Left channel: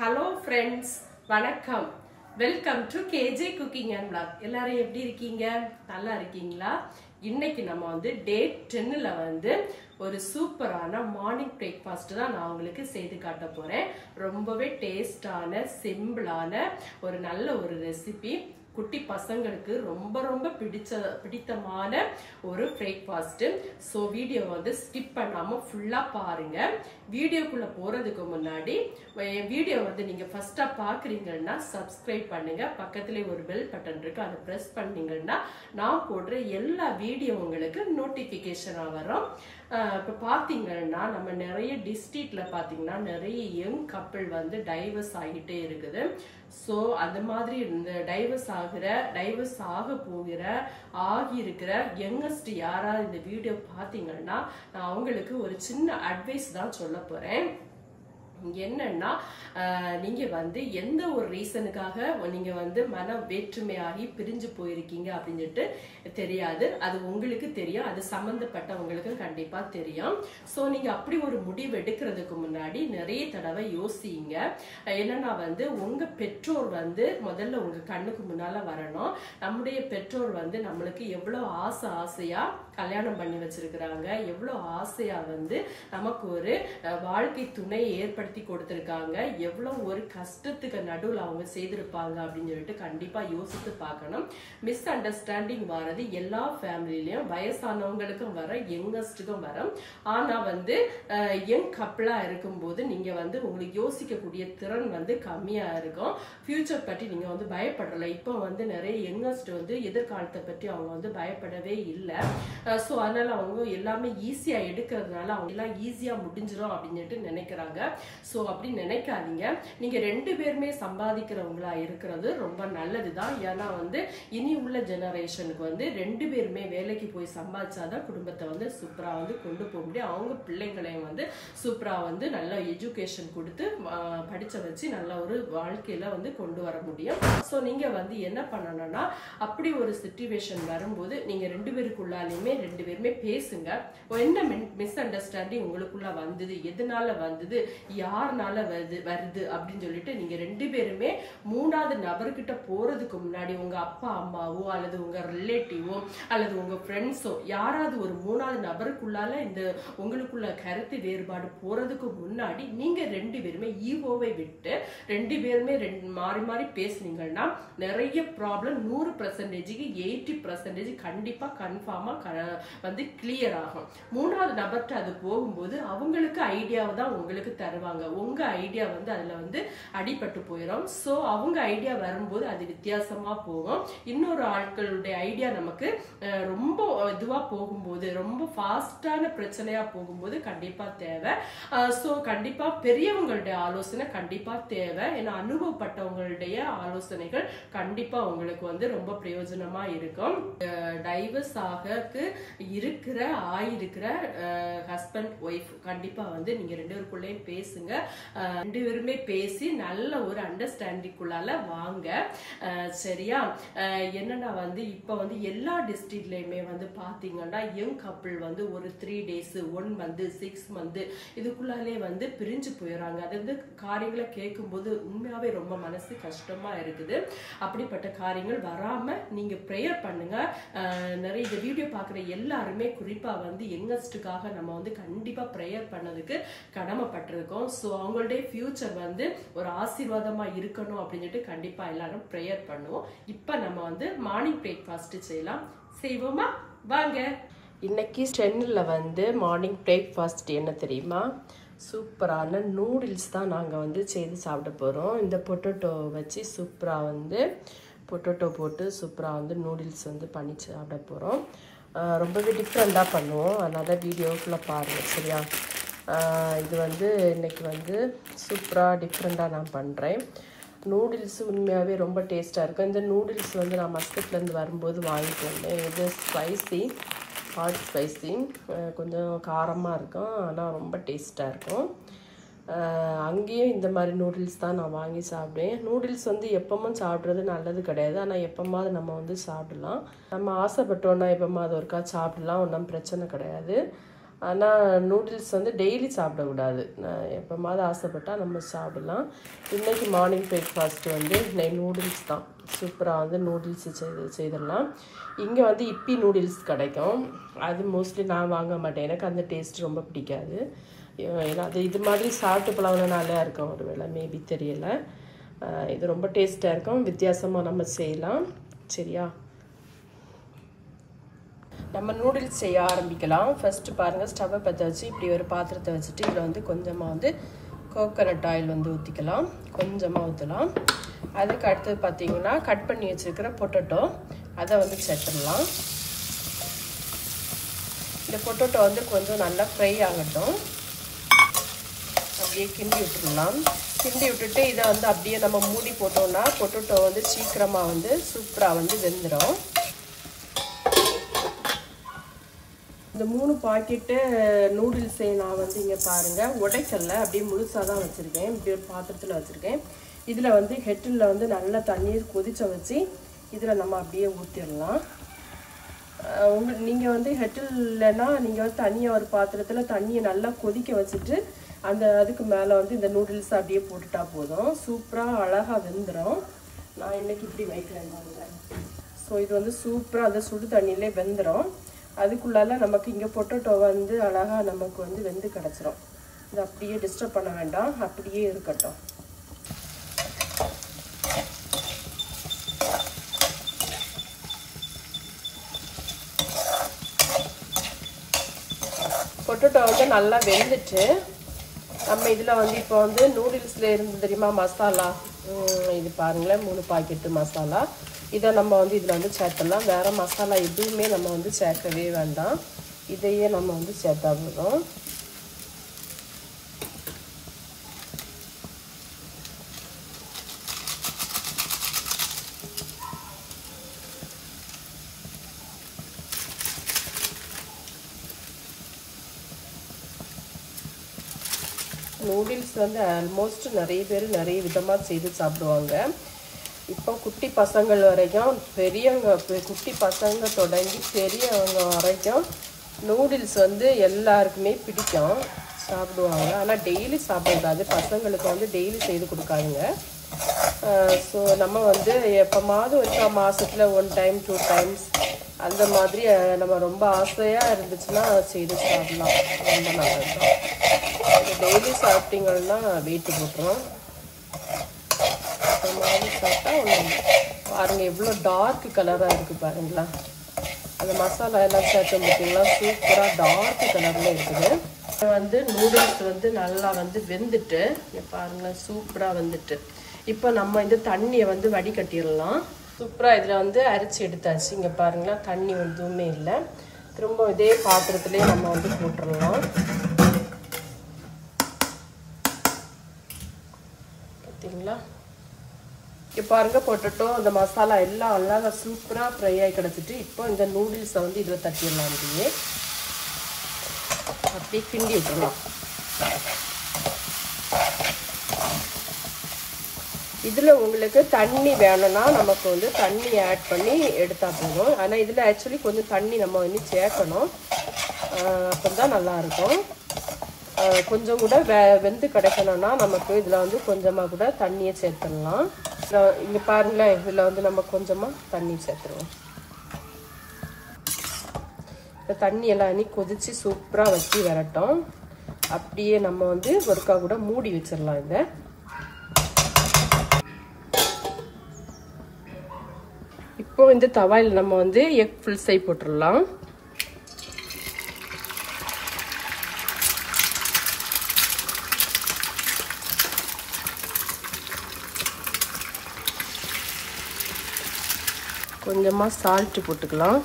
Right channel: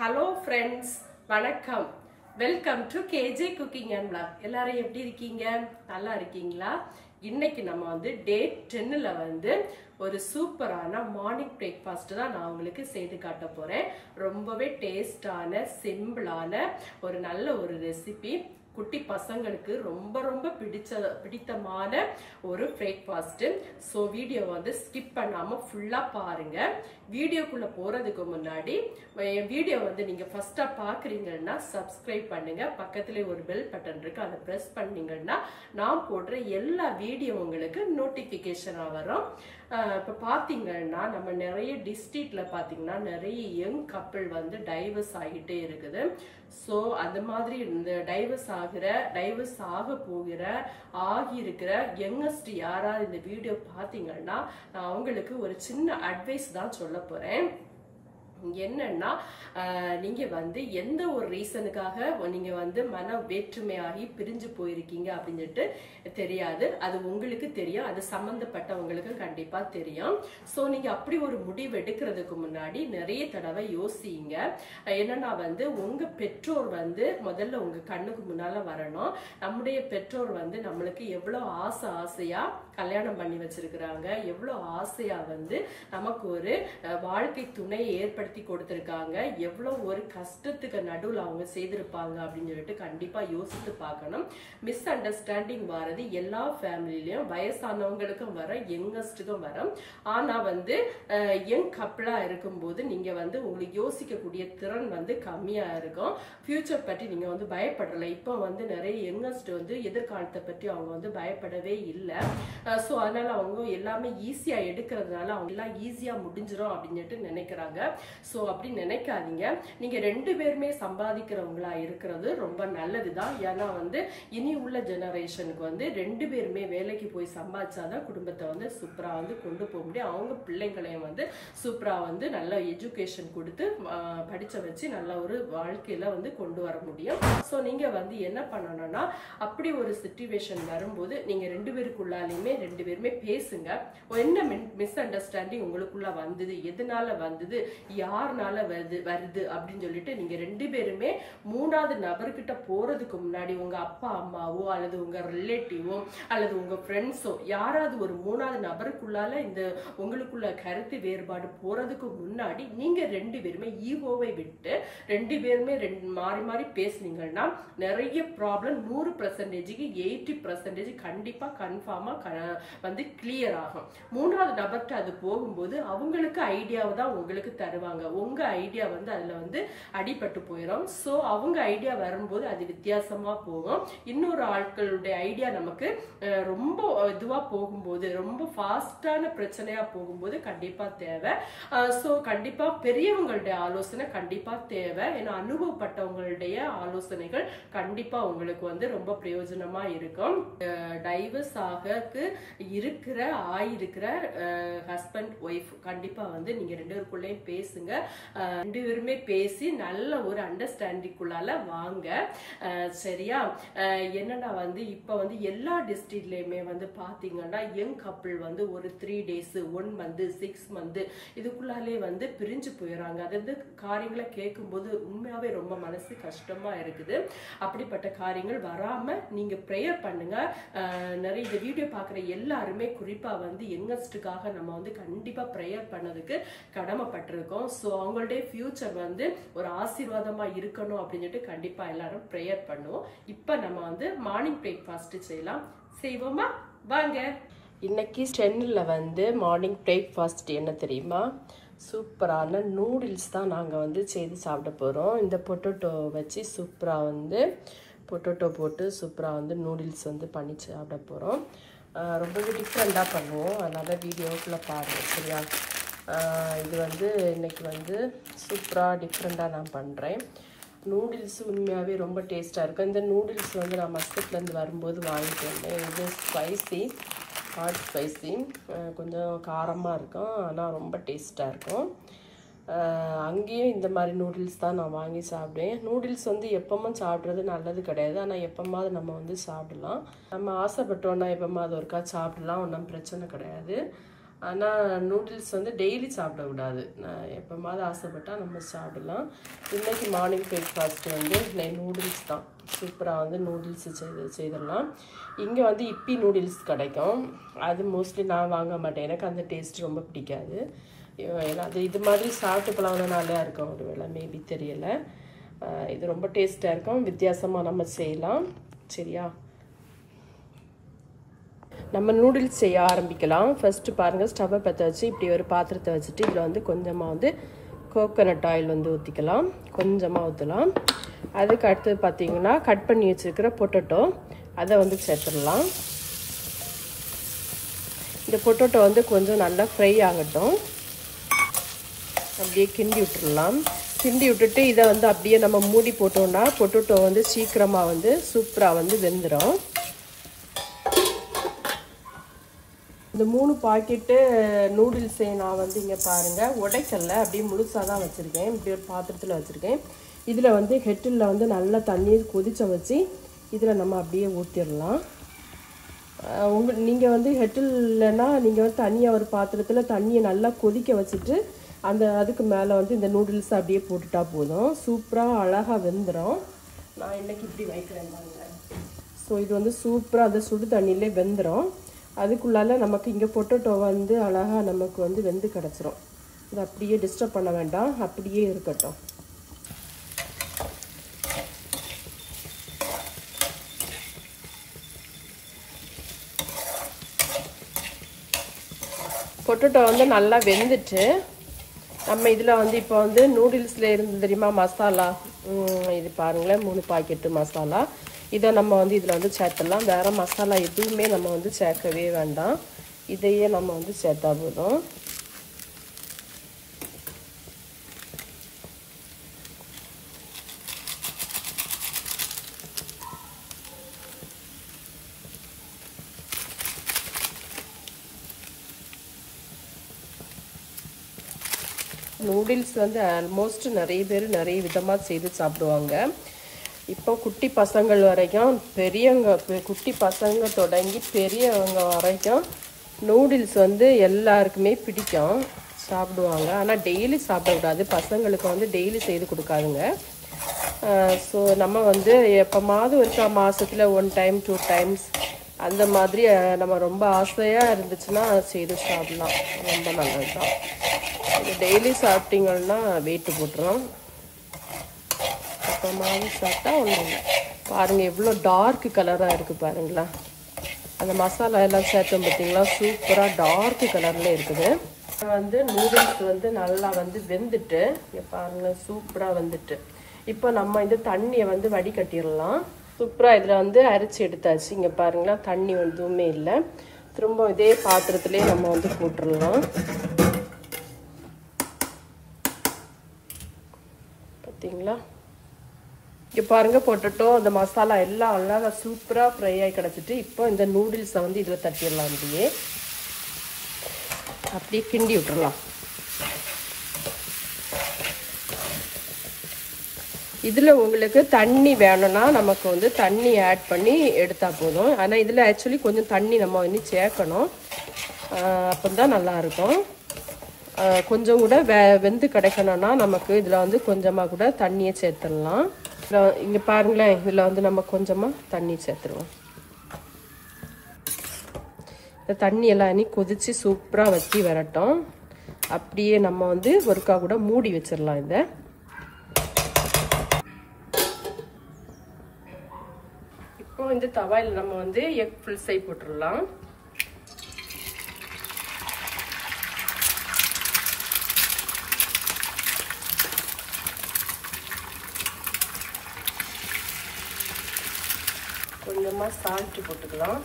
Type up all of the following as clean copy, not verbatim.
Hello friends, வணக்கம். Welcome to KJ Cooking and Vlog. எல்லாரும் எப்படி இருக்கீங்க? நல்லா இருக்கீங்களா? இன்னைக்கு நம்ம வந்து டே 10ல வந்து ஒரு சூப்பரான மார்னிங் பிரேக்ஃபாஸ்ட் தான் நான் உங்களுக்கு செய்து காட்ட போறேன். ரொம்பவே டேஸ்டான, சிம்பிளான ஒரு நல்ல ஒரு ரெசிபி. குட்டி பசங்களுக்கு ரொம்ப பிடித்தமான ஒரு பிரேக்ஃபாஸ்ட். ஸோ வீடியோ வந்து ஸ்கிப் பண்ணாம ஃபுல்லா பாருங்க. வீடியோக்குள்ள போறதுக்கு முன்னாடி என் வீடியோ வந்து நீங்க ஃபர்ஸ்டா பாக்குறீங்கன்னா சப்ஸ்கிரைப் பண்ணுங்க. பக்கத்துல ஒரு பெல் பட்டன் இருக்கு, அதை பிரஸ் பண்ணீங்கன்னா நான் போடுற எல்லா வீடியோ உங்களுக்கு நோட்டிபிகேஷனா வரும். இப்ப பாத்தீங்கன்னா நம்ம நிறைய டிஸ்ட்ரிக்ட்ல பாத்தீங்கன்னா நிறைய யங் கப்பிள் வந்து டைவர்ஸ் ஆகிட்டே இருக்குது. ஸோ அந்த மாதிரி இந்த டைவர்ஸ் ஆக போகிற ஆகியிருக்கிற யங்கஸ்ட் யாராவது இந்த வீடியோ பாத்தீங்கன்னா நான் அவங்களுக்கு ஒரு சின்ன அட்வைஸ் தான் சொல்ல போறேன். என்னன்னா நீங்க வந்து எந்த ஒரு ரீசனுக்காக நீங்க வந்து மன வேற்றுமையாகி பிரிஞ்சு போயிருக்கீங்க அப்படின்னு சொல்லிட்டு தெரியாது. அது உங்களுக்கு தெரியும், அது சம்பந்தப்பட்டவங்களுக்கு கண்டிப்பா தெரியும். சோ நீங்க அப்படி ஒரு முடிவு எடுக்கிறதுக்கு முன்னாடி நிறைய தடவை யோசிங்க. என்னன்னா வந்து உங்க பெற்றோர் வந்து முதல்ல உங்க கண்ணுக்கு முன்னால வரணும். நம்முடைய பெற்றோர் வந்து நம்மளுக்கு எவ்வளவு ஆசையா கல்யாணம் பண்ணி வச்சிருக்கிறாங்க, எவ்வளவு ஆசையா வந்து நமக்கு ஒரு வாழ்க்கை துணையை ஏற்படுத்தி கொடுத்திருக்காங்க, எவ்வளவு ஒரு கஷ்டத்துக்கு நடுவில் அவங்க செய்திருப்பாங்க அப்படின்னு சொல்லிட்டு கண்டிப்பா யோசித்து பார்க்கணும். மிஸ் அண்டர்ஸ்டாண்டிங் வர்றது எல்லா ஃபேமிலிலயும் வயசானவங்களுக்கும் வரும், யங்கஸ்டுக்கும் வரும். ஆனா வந்து யங் கப்பிளா இருக்கும்போது நீங்க வந்து உங்களுக்கு யோசிக்கக்கூடிய திறன் வந்து கம்மியா இருக்கும். ஃபியூச்சர் பற்றி நீங்க வந்து பயப்படல. இப்போ வந்து நிறைய யங்கஸ்ட் வந்து எதிர்காலத்தை பற்றி அவங்க வந்து பயப்படவே இல்லை. ஸோ அதனால அவங்க எல்லாமே ஈஸியா எடுக்கிறதுனால அவங்க எல்லாம் ஈஸியா முடிஞ்சிடும் அப்படின்னு நினைக்கிறாங்க. ஸோ அப்படி நினைக்காதீங்க. நீங்க ரெண்டு பேருமே சம்பாதிக்கிறவங்களா இருக்கிறது ரொம்ப நல்லதுதான். ஏன்னா வந்து இனி உள்ள ஜெனரேஷனுக்கு வந்து ரெண்டு பேருமே வேலைக்கு போய் சம்பாதிச்சாதான் குடும்பத்தை வந்து சூப்பரா வந்து கொண்டு போக முடியும். அவங்க பிள்ளைங்களையும் வந்து சூப்பரா வந்து நல்ல எஜுகேஷன் கொடுத்து படிச்ச வச்சு நல்ல ஒரு வாழ்க்கையில வந்து கொண்டு வர முடியும். ஸோ நீங்க வந்து என்ன பண்ணணும்னா அப்படி ஒரு சிச்சுவேஷன் வரும்போது நீங்க ரெண்டு பேருக்குள்ளாலையுமே ரெண்டு பேருமே பேசுங்க. என்ன மிஸ் அண்டர்ஸ்டாண்டிங் உங்களுக்குள்ள வந்தது, எதனால வந்தது, யாருனால வருது அப்படின்னு சொல்லிட்டு நீங்க ரெண்டு பேருமே மூணாவது நபர்கிட்ட போறதுக்கு முன்னாடி உங்க அப்பா அம்மாவோ அல்லது உங்க ரிலேட்டிவோ அல்லது உங்க ஃப்ரெண்ட்ஸோ யாராவது ஒரு மூணாவது நபருக்குள்ளால இந்த உங்களுக்குள்ள கருத்து வேறுபாடு போறதுக்கு முன்னாடி நீங்க ரெண்டு பேருமே ஈகோவை விட்டு ரெண்டு பேருமே மாறி பேசுனீங்கன்னா நிறைய ப்ராப்ளம் 100%க்கு 80% கண்டிப்பா கன்ஃபார்மா வந்து கிளியர் ஆகும். மூணாவது நபர்கிட்ட அது போகும்போது அவங்களுக்கு ஐடியாவை தான் உங்களுக்கு தருவாங்க. உங்க ஐடியா வந்து அதுல வந்து அடிபட்டு போயிடும். சோ அவங்க ஐடியா வரும்போது அது வித்தியாசமா போகும். இன்னொரு ஆட்களுடைய ஐடியா நமக்கு ரொம்ப இதுவா போகும்போது, ரொம்ப ஃபாஸ்டான பிரச்சனையா போகும்போது கண்டிப்பா தேவை. சோ கண்டிப்பா பெரியவங்களுடைய ஆலோசனை கண்டிப்பா தேவை. ஏன்னா அனுபவப்பட்டவங்களுடைய ஆலோசனைகள் கண்டிப்பா உங்களுக்கு வந்து ரொம்ப பிரயோஜனமா இருக்கும். டைவர்ஸ் ஆயிருக்கிற ஹஸ்பண்ட் ஒய்ஃப் கண்டிப்பா வந்து நீங்க ரெண்டு பேருக்குள்ளேயும் பேசுங்க. ரெண்டு பேருமே பேசி நல்ல ஒரு அண்டர்ஸ்டாண்டிங்குள்ளால வாங்க. சரியா? என்னன்னா வந்து இப்ப வந்து எல்லா டிஸ்ட்ரிக்ட்லயுமே வந்து பாத்தீங்கன்னா யங் கப்பிள் வந்து ஒரு 3 days 1 month 6 month இதுக்குள்ளாலே வந்து பிரிஞ்சு போயிடறாங்க. அது வந்து காரியங்களை கேட்கும் போது உண்மையாவே ரொம்ப மனசு கஷ்டமா இருக்குது. அப்படிப்பட்ட காரியங்கள் வராம நீங்க ப்ரேயர் பண்ணுங்க. நிறைய இந்த வீடியோ பாக்குற எல்லாருமே குறிப்பா வந்து யங்கஸ்டுக்காக நம்ம வந்து கண்டிப்பா ப்ரேயர் பண்ணதுக்கு கடமைப்பட்டிருக்கோம். ஸோ அவங்களுடைய ஃபியூச்சர் வந்து ஒரு ஆசீர்வாதமா இருக்கணும் அப்படின்னு சொல்லிட்டு கண்டிப்பா எல்லாரும் ப்ரேயர் பண்ணுவோம். இப்ப நம்ம வந்து மார்னிங் பிரேக்ஃபாஸ்ட் செய்வோமா? வாங்க. இன்னைக்கு 10ல வந்து மார்னிங் பிரேக்ஃபாஸ்ட் என்ன தெரியுமா? சூப்பரான நூடுல்ஸ் தான் நாங்கள் வந்து செய்து சாப்பிட போகிறோம். இந்த பொட்டேட்டோ வச்சு சூப்பராக வந்து பொட்டேட்டோ போட்டு சூப்பராக வந்து நூடுல்ஸ் வந்து பண்ணி சாப்பிட போகிறோம். ரொம்பவே டிஃப்ரெண்ட்டாக பண்ணுவோம், அதனால் வீடியோக்குள்ளே பாருங்கள். சரியா? இது வந்து இன்னைக்கு வந்து சூப்பராக டிஃப்ரெண்ட்டாக நான் பண்ணுறேன். நூடுல்ஸ் உண்மையாகவே ரொம்ப டேஸ்ட்டாக இருக்கும். இந்த நூடுல்ஸ் வந்து நான் மஸ்கட்லேருந்து வரும்போது வாங்கிட்டு வந்தேன். இது ஹாட் ஸ்பைசி, கொஞ்சம் காரமாக இருக்கும், ஆனால் ரொம்ப டேஸ்ட்டாக இருக்கும். அங்கேயும் இந்த மாதிரி நூடுல்ஸ் தான் நான் வாங்கி சாப்பிடுவேன். நூடுல்ஸ் வந்து எப்பவும் சாப்பிட்றது நல்லது கிடையாது, ஆனால் எப்போமாவது நம்ம வந்து சாப்பிடலாம். நம்ம ஆசைப்பட்டோன்னா எப்போமாவது ஒருக்கா சாப்பிடலாம், ஒன்றும் பிரச்சனை கிடையாது. ஆனால் நூடுல்ஸ் வந்து டெய்லி சாப்பிடக்கூடாது. நான் எப்போமாவது ஆசைப்பட்டால் நம்ம சாப்பிடலாம். இன்றைக்கி மார்னிங் பிரேக்ஃபாஸ்ட்டு வந்து நூடுல்ஸ் தான். சூப்பராக வந்து நூடுல்ஸ் செய்திடலாம். இங்கே வந்து இப்பி நூடுல்ஸ் கிடைக்கும். அது மோஸ்ட்லி நான் வாங்க மாட்டேன். எனக்கு அந்த டேஸ்ட் ரொம்ப பிடிக்காது. ஏன்னா அது இது மாதிரி சாப்பிட்டு பழகினாலே இருக்கும். ஒரு வேளை மேபி தெரியலை. இது ரொம்ப டேஸ்ட்டாக இருக்கும். வித்தியாசமாக நம்ம செய்யலாம். சரியா, நம்ம நூடுல்ஸ் செய்ய ஆரம்பிக்கலாம். ஃபர்ஸ்ட் பாருங்க, ஸ்டவ்வை பற்ற வச்சு இப்படி ஒரு பாத்திரத்தை வச்சுட்டு இதில் வந்து கொஞ்சமாக வந்து கோகோனட் ஆயில் வந்து ஊற்றிக்கலாம். கொஞ்சமாக ஊற்றலாம். அதுக்கு அடுத்தது பார்த்தீங்கன்னா கட் பண்ணி வச்சுருக்கிற பொட்டேட்டோ அதை வந்து சேர்த்துடலாம். இந்த பொட்டேட்டோ வந்து கொஞ்சம் நல்லா ஃப்ரை ஆகட்டும். அப்படியே கிண்டி விட்டுடலாம். கிண்டி விட்டுட்டு இதை வந்து அப்படியே நம்ம மூடி போட்டோம்னா பொட்டேட்டோ வந்து சீக்கிரமாக வந்து சூப்பராக வந்து வெந்துடும். இந்த 3 பாக்கெட்டு நூடுல்ஸை நான் வந்து இங்கே பாருங்கள் உடைக்கல்ல, அப்படியே முழுசாக தான் வச்சுருக்கேன். இப்படி ஒரு பாத்திரத்தில் வச்சுருக்கேன். இதில் வந்து ஹெட்டில் வந்து நல்லா தண்ணீர் கொதிச்ச வச்சு இதில் நம்ம அப்படியே ஊற்றிடலாம். நீங்கள் வந்து ஹெட்டில்னா நீங்கள் வந்து தனியாக ஒரு பாத்திரத்தில் தண்ணியை நல்லா கொதிக்க வச்சுட்டு அதுக்கு மேலே வந்து இந்த நூடுல்ஸ் அப்படியே போட்டுட்டா போதும். சூப்பராக அழகாக வெந்துடும். நான் இன்றைக்கி இப்படி வைக்கிறேன் பாருங்க. ஸோ இது வந்து சூப்பராக அந்த சுடு தண்ணியிலே வெந்துடும். அதுக்குள்ளால நமக்கு இங்கே பொட்டேட்டோ வந்து அழகாக நமக்கு வந்து வெந்து கிடச்சிரும். இது அப்படியே டிஸ்டர்ப் பண்ண வேண்டாம், அப்படியே இருக்கட்டும். பொட்டேட்டோ வந்து நல்லா வெந்துட்டு நம்ம இதில் வந்து இப்போ வந்து நூடுல்ஸில் இருந்து தெரியுமா மசாலா, இது பாருங்களேன் 3 பாக்கெட்டு மசாலா. இதை நம்ம வந்து இதில் வந்து சேர்த்துடலாம். வேறு மசாலா எதுவுமே நம்ம வந்து சேர்க்கவே வேண்டாம். இதையே நம்ம வந்து சேர்த்தா போதும். நூடுல்ஸ் வந்து ஆல்மோஸ்ட் நிறைய பேர் நிறைய விதமாக செய்து சாப்பிடுவாங்க. இப்போ குட்டி பசங்கள் வரைக்கும் பெரியவங்க, குட்டி பசங்க தொடங்கி பெரியவங்க வரைக்கும் நூடுல்ஸ் வந்து எல்லாருக்குமே பிடிக்கும், சாப்பிடுவாங்க. ஆனால் டெய்லி சாப்பிடக்கூடாது. பசங்களுக்கு வந்து டெய்லி செய்து கொடுக்காதுங்க. ஸோ நம்ம வந்து எப்போமாவது இருக்கா மாதத்தில் 1 டைம் 2 டைம்ஸ் அந்த மாதிரி நம்ம ரொம்ப ஆசையாக இருந்துச்சுன்னா செய்து சாப்பிடலாம். ரொம்ப நல்லது. டெய்லி சாப்பிட்டீங்கன்னா வெயிட் போட்டுரும். சாப்பிட்டா பாருங்க எவ்வளோ டார்க் கலராக இருக்குது பாருங்களா. அந்த மசாலா எல்லாம் சேர்த்து பார்த்தீங்கன்னா சூப்பராக டார்க் கலரில் இருக்குது. வந்து நூடுல்ஸ் வந்து நல்லா வந்து வெந்துட்டு இங்கே பாருங்களேன் சூப்பராக வந்துட்டு. இப்போ நம்ம இந்த தண்ணியை வந்து வடிகட்டிடலாம். சூப்பராக இதில் வந்து அரைச்சி எடுத்தாச்சு. இங்கே பாருங்களா தண்ணி எதுவுமே இல்லை. திரும்ப இதே பாத்திரத்திலே நம்ம வந்து போட்டுருந்தோம். பார்த்தீங்களா, இங்கே பாருங்க பொட்டேட்டோ அந்த மசாலா எல்லாம் அழகாக சூப்பராக ஃப்ரை ஆகி கிடச்சிட்டு இப்போ இந்த நூடுல்ஸை வந்து இதில் தட்டிடலாம். அப்படியே கிண்டி விட்டுருவோம். இதில் உங்களுக்கு தண்ணி வேணும்னா நமக்கு வந்து தண்ணி ஆட் பண்ணி எடுத்தால் போதும். ஆனால் இதில் ஆக்சுவலி கொஞ்சம் தண்ணி நம்ம வந்து சேர்க்கணும். அப்போ தான் நல்லாயிருக்கும். கொஞ்சம் கூட வெந்து கிடைக்கணும்னா நமக்கு இதில் வந்து கொஞ்சமாக கூட தண்ணியை சேர்த்துடலாம். இங்கே பாருங்களேன், இதில் வந்து நம்ம கொஞ்சமாக தண்ணி சேர்த்துருவோம். இந்த தண்ணி எல்லாம் கொதிச்சு சூப்பராக வச்சு வரட்டும். அப்படியே நம்ம வந்து ஒருக்கா கூட மூடி வச்சிடலாம். இதை இப்போ இந்த தவாயில் நம்ம வந்து எக் ஃபுல் சை போட்டுடலாம். கொஞ்சமாக சால்ட்டு போட்டுக்கலாம்,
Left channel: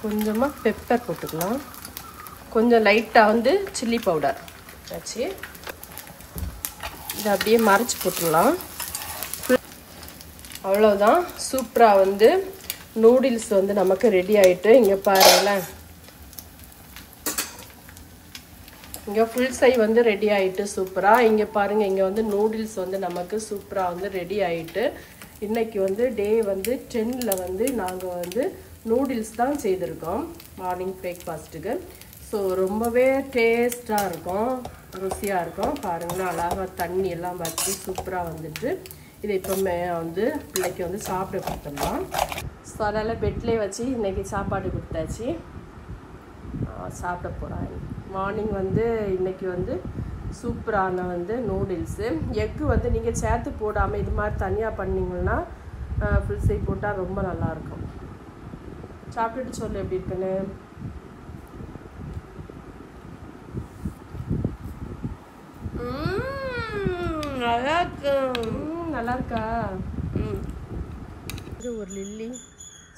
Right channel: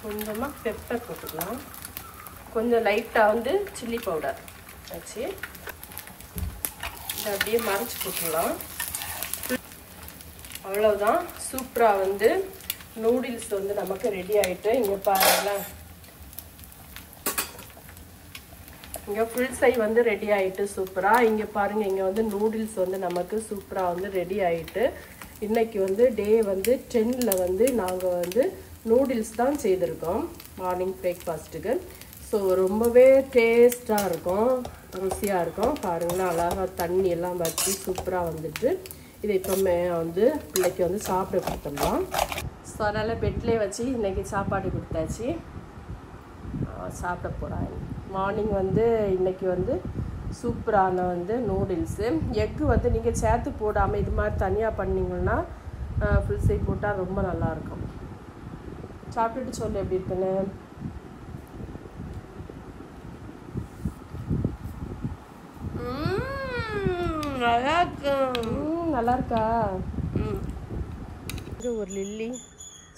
கொஞ்சமாக பெப்பர் போட்டுக்கலாம், கொஞ்சம் லைட்டாக வந்து சில்லி பவுடர் ஆச்சு. இதை அப்படியே மறைச்சி போட்டுடலாம். அவ்வளோதான், சூப்பராக வந்து நூடுல்ஸ் வந்து நமக்கு ரெடி ஆகிட்டு. இங்கே பாருங்களேன், இங்கே ஃபுல் சை வந்து ரெடி ஆகிட்டு சூப்பராக. இங்கே பாருங்கள், இங்கே வந்து நூடுல்ஸ் வந்து நமக்கு சூப்பராக வந்து ரெடி ஆகிட்டு. இன்றைக்கி வந்து டே வந்து 10ல் வந்து நாங்கள் வந்து நூடுல்ஸ் தான் செய்திருக்கோம் மார்னிங் பிரேக்ஃபாஸ்ட்டுக்கு. ஸோ ரொம்பவே டேஸ்ட்டாக இருக்கும், ருசியாக இருக்கும். பாருங்களேன், அழகாக தண்ணி எல்லாம் வச்சு சூப்பராக வந்துட்டு இதை இப்போமே வந்து பிள்ளைக்கு வந்து சாப்பிட கொடுத்துடலாம். ஸோ அதனால் பெட்லேயே வச்சு இன்றைக்கி சாப்பாடு கொடுத்தாச்சு, சாப்பிட போகிறாங்க. மார்னிங் வந்து இன்றைக்கி வந்து சூப்பரான வந்து நூடுல்ஸு. எக்கு வந்து நீங்கள் சேர்த்து போடாமல் இது மாதிரி தனியாக பண்ணிங்கன்னா ஃபுல் சைட் போட்டால் ரொம்ப நல்லாயிருக்கும். சாப்பிட்டுட்டு சொல்லு எப்படி இருக்குன்னு. நல்லா இருக்கு. நல்லா இருக்கா? இது ஒரு லில்லி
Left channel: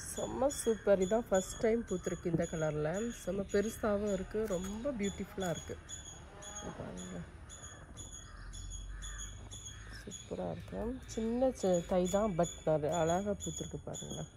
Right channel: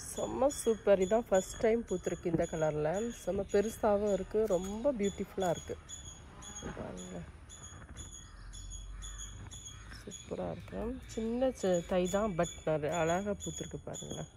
செம்ம சூப்பர். இதுதான் ஃபர்ஸ்ட் டைம் பூத்துருக்கு இந்த கலரில். செம்ம பெருசாகவும் இருக்குது, ரொம்ப பியூட்டிஃபுல்லாக இருக்குது. பாருங்க, சூப்பராக இருக்கும். சின்ன தை தான், பட் அழகாக பூத்துருக்கு பாருங்களேன்.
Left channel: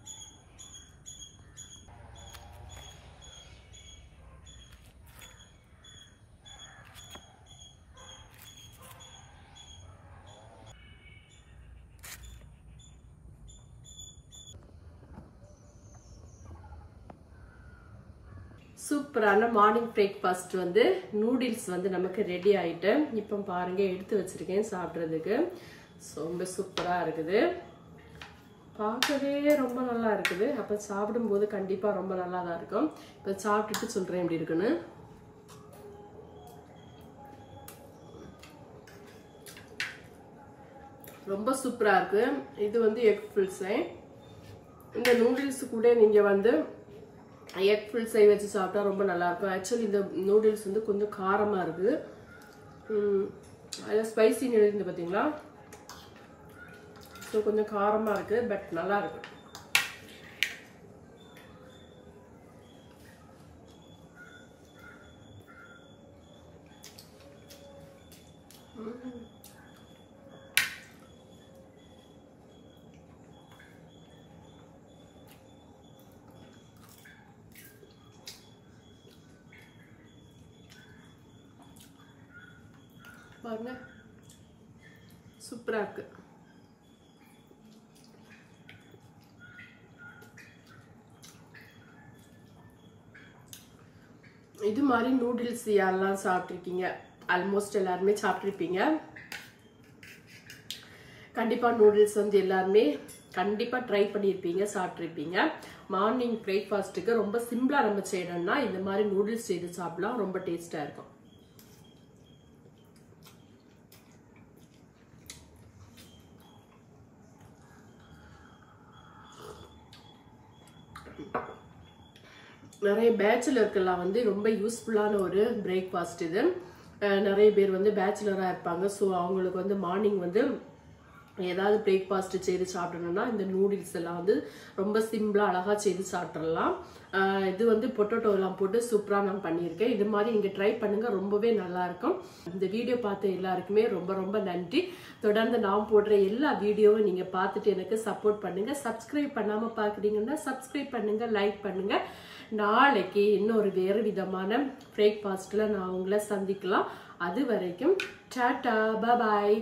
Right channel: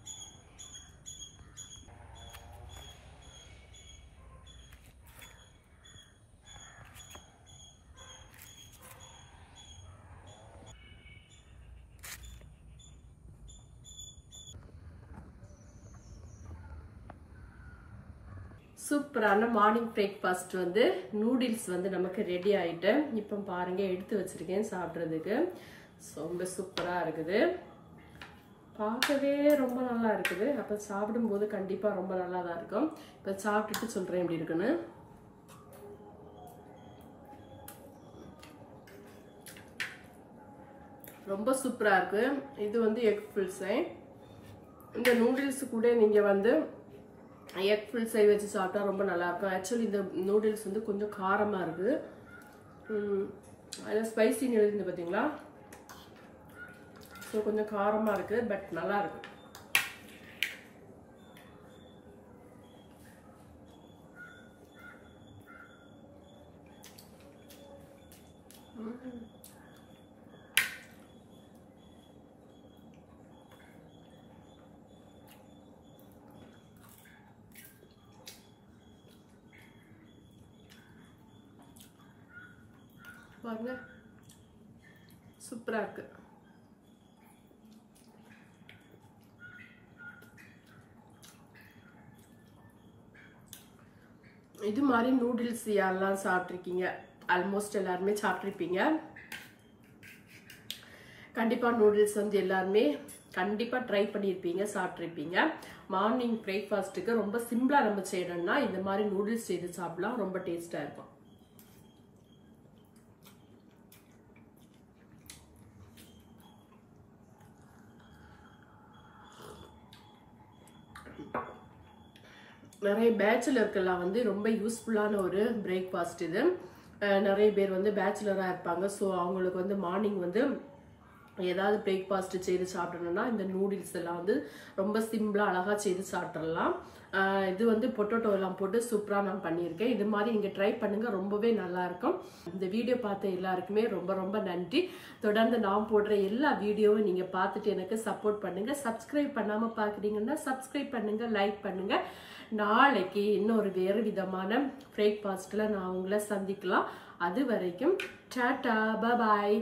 சூப்பரான மார்னிங் பிரேக்ஃபாஸ்ட் வந்து நூடுல்ஸ் வந்து நமக்கு ரெடி ஆகிட்டு இப்போ பாருங்க எடுத்து வச்சிருக்கேன் சாப்பிட்றதுக்கு. ரொம்ப சூப்பராக இருக்குது, பார்க்கவே ரொம்ப நல்லா இருக்குது. அப்போ சாப்பிடும்போது கண்டிப்பாக ரொம்ப நல்லா தான் இருக்கும். இப்போ சாப்பிட்டுட்டு சொல்கிறேன் எப்படி இருக்குன்னு. ரொம்ப சூப்பராக இருக்குது. இது வந்து எக் ஃபில்ஸை. இந்த நூடுல்ஸ் கூட நீங்கள் வந்து எக் ஃபில் சை வச்சு சாப்பிட்டா ரொம்ப நல்லாயிருக்கும். ஆக்சுவலி இந்த நூடுல்ஸ் வந்து கொஞ்சம் காரமாக இருக்குது, அதில் ஸ்பைசின்னு எழுதிருந்து பார்த்தீங்களா. ஸோ கொஞ்சம் காரமாக இருக்குது, பட் நல்லா இருக்கு. பாருங்க, சூப்பரா இருக்கு. இது மாதிரி நூடுல்ஸ் யாரெல்லாம் சாப்பிட்ருக்கீங்க? ஆல்மோஸ்ட் எல்லாருமே சாப்பிட்ருப்பீங்க. கண்டிப்பா நூடுல்ஸ் வந்து எல்லாருமே கண்டிப்பா ட்ரை பண்ணியிருப்பீங்க, சாப்பிட்ருப்பீங்க. மார்னிங் பிரேக்ஃபாஸ்ட்டுக்கு ரொம்ப சிம்பிளா நம்ம செய்யணும்னா இந்த மாதிரி நூடுல்ஸ் செய்து சாப்பிடலாம், ரொம்ப டேஸ்டா இருக்கும். நிறைய பேச்சுலருக்கெல்லாம் வந்து ரொம்ப யூஸ்ஃபுல்லான ஒரு பிரேக்ஃபாஸ்ட் இது. நிறைய பேர் வந்து பேச்சுலராக இருப்பாங்க. ஸோ அவங்களுக்கு வந்து மார்னிங் வந்து ஏதாவது பிரேக்ஃபாஸ்ட் செய்து சாப்பிடணும்னா இந்த நூடுல்ஸ் எல்லாம் வந்து ரொம்ப சிம்பிளாக அழகாக செய்து சாப்பிட்றலாம். இது வந்து பொட்டேட்டோ எல்லாம் போட்டு சூப்பராக நான் பண்ணியிருக்கேன். இது மாதிரி நீங்கள் ட்ரை பண்ணுங்க, ரொம்பவே நல்லா இருக்கும். இந்த வீடியோ பார்த்த எல்லாருக்குமே ரொம்ப ரொம்ப நன்றி. தொடர்ந்து நான் போடுற எல்லா வீடியோவும் நீங்கள் பார்த்துட்டு எனக்கு சப்போர்ட் பண்ணுங்க. சப்ஸ்கிரைப் பண்ணாமல் பார்க்குறீங்கன்னா சப்ஸ்கிரைப் பண்ணுங்க, லைக் பண்ணுங்க. நாளைக்கு இன்னொரு வேறு விதமான பிரேக்ஃபாஸ்ட்ல நான் உங்களை சந்திக்கலாம். அது வரைக்கும் டாடா, பாய்.